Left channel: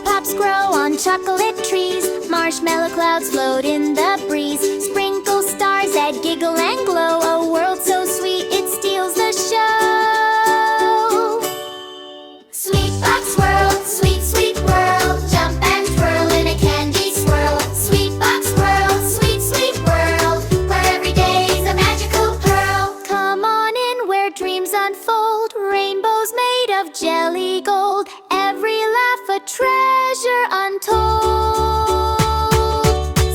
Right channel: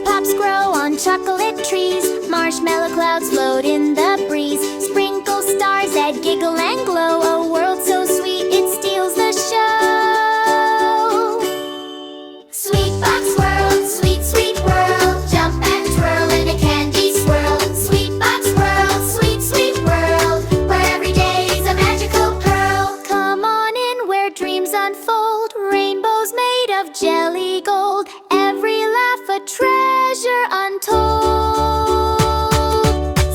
Lollipops grow on chocolate trees. Marshmallow clouds float in the breeze. Sprinkle stars that giggle and glow. A world so sweet it steals the show. SweetBox World, sweet, sweet world. Jump and twirl in a candy swirl. SweetBox World, sweet, sweet world, where every day's a magical pearl. Come on in where dreams unfold. Rainbows made of jelly gold. Every laugh a treasure untold.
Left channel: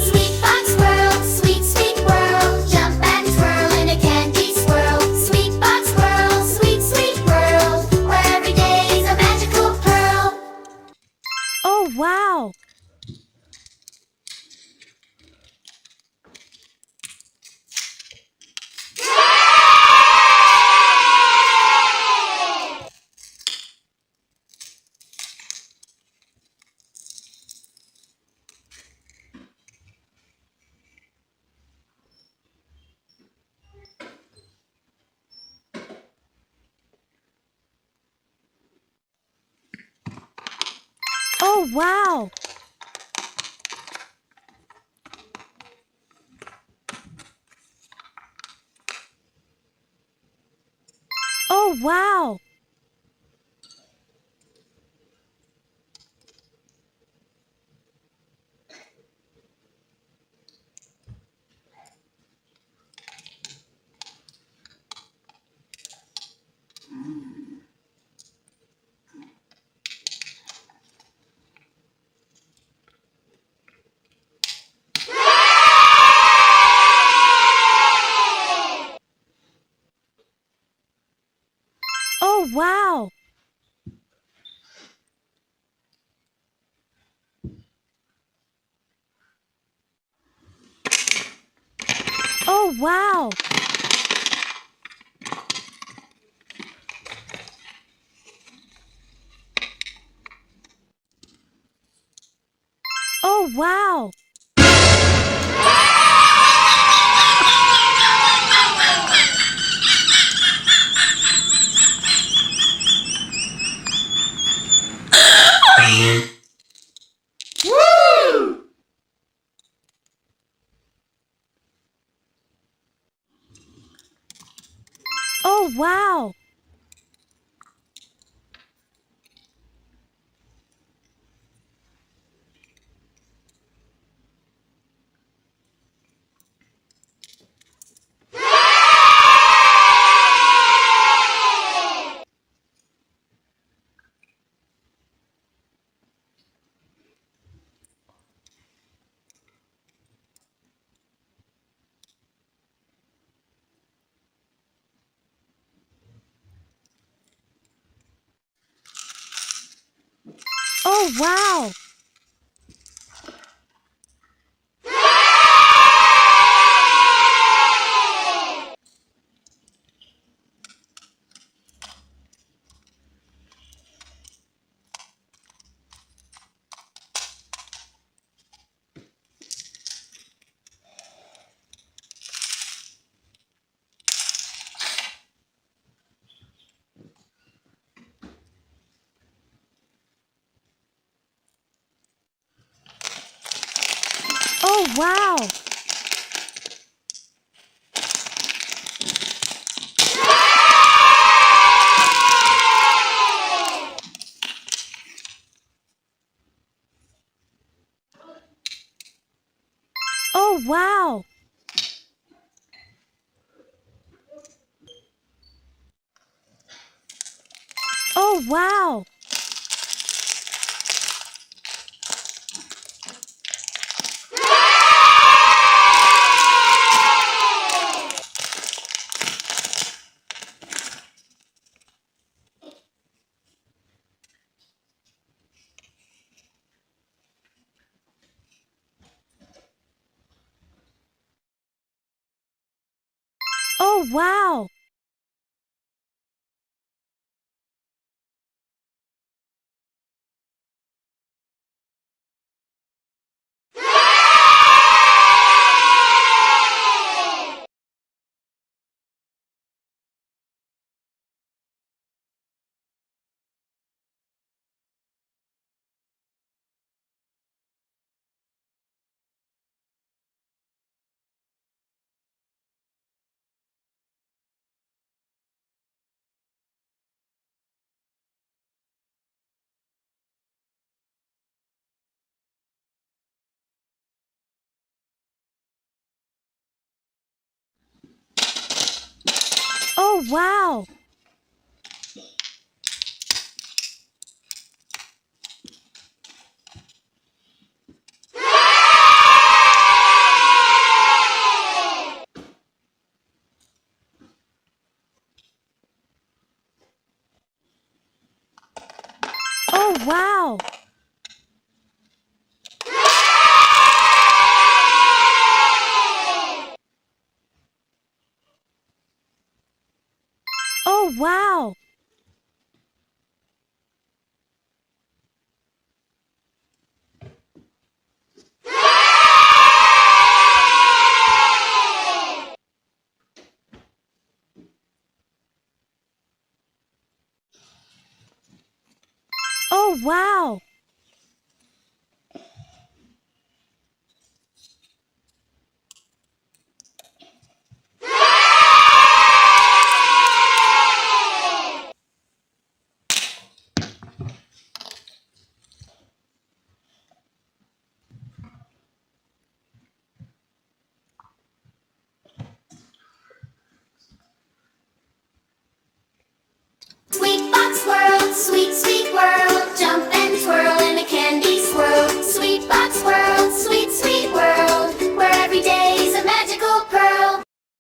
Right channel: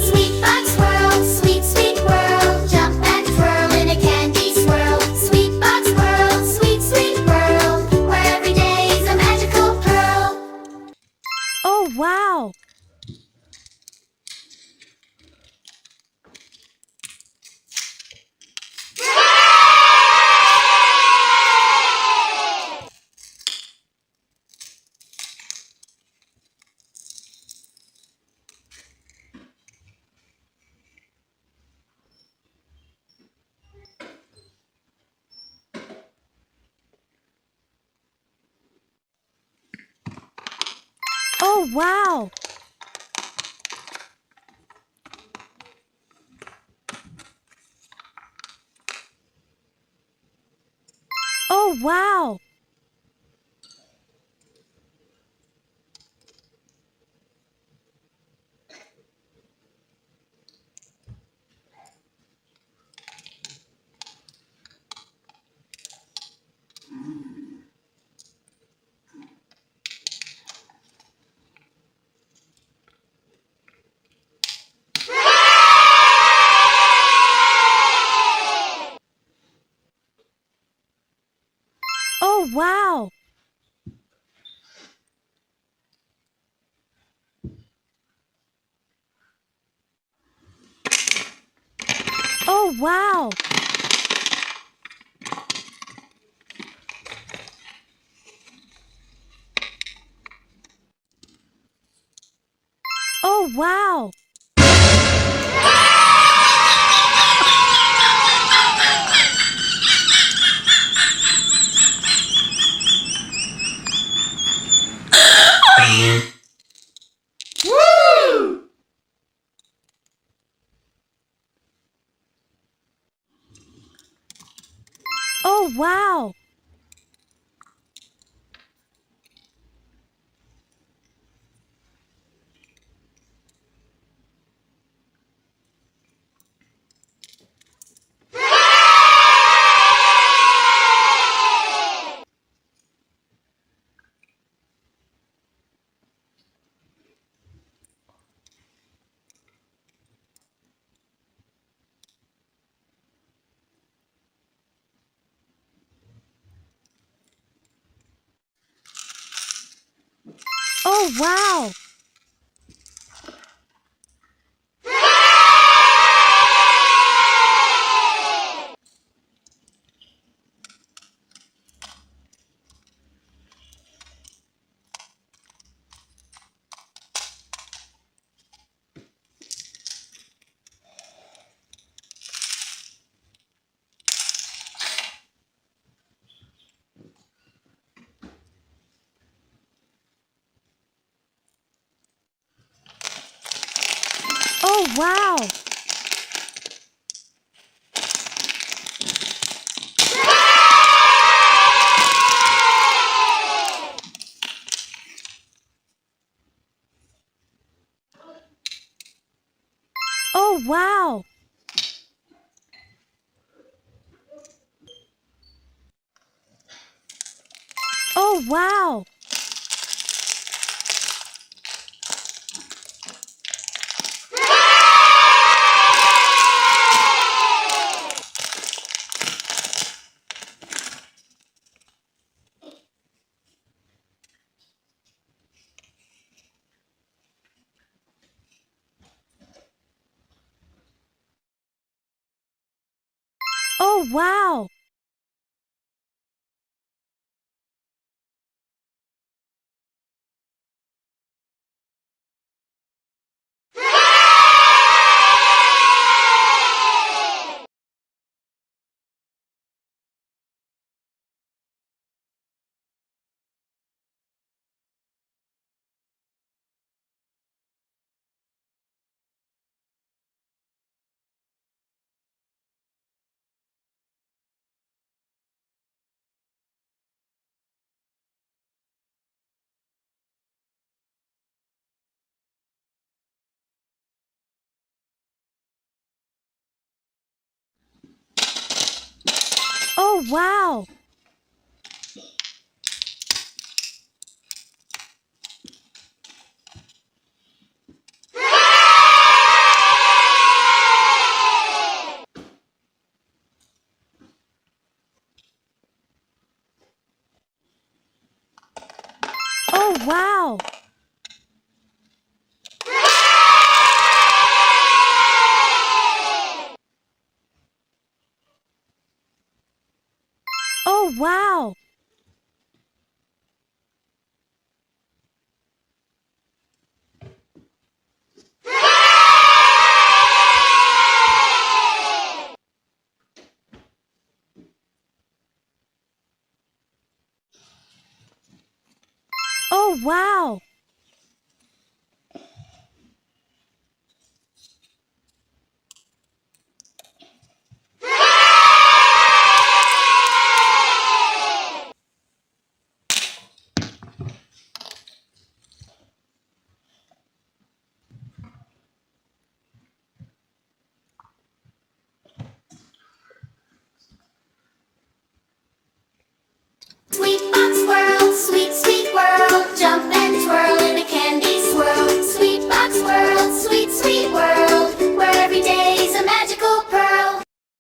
SweetBox World, sweet, sweet world. Jump and twirl in a candy swirl. SweetBox World, sweet, sweet world, where every day's a magical pearl. Oh, wow! Oh, wow! Oh, wow! Oh, wow! Oh, wow! Oh, wow! Woo! Oh, wow! Oh, wow! Oh, wow! Oh, wow! Oh, wow! Oh, wow! Oh, wow. Oh, wow. Oh, wow. Oh, wow.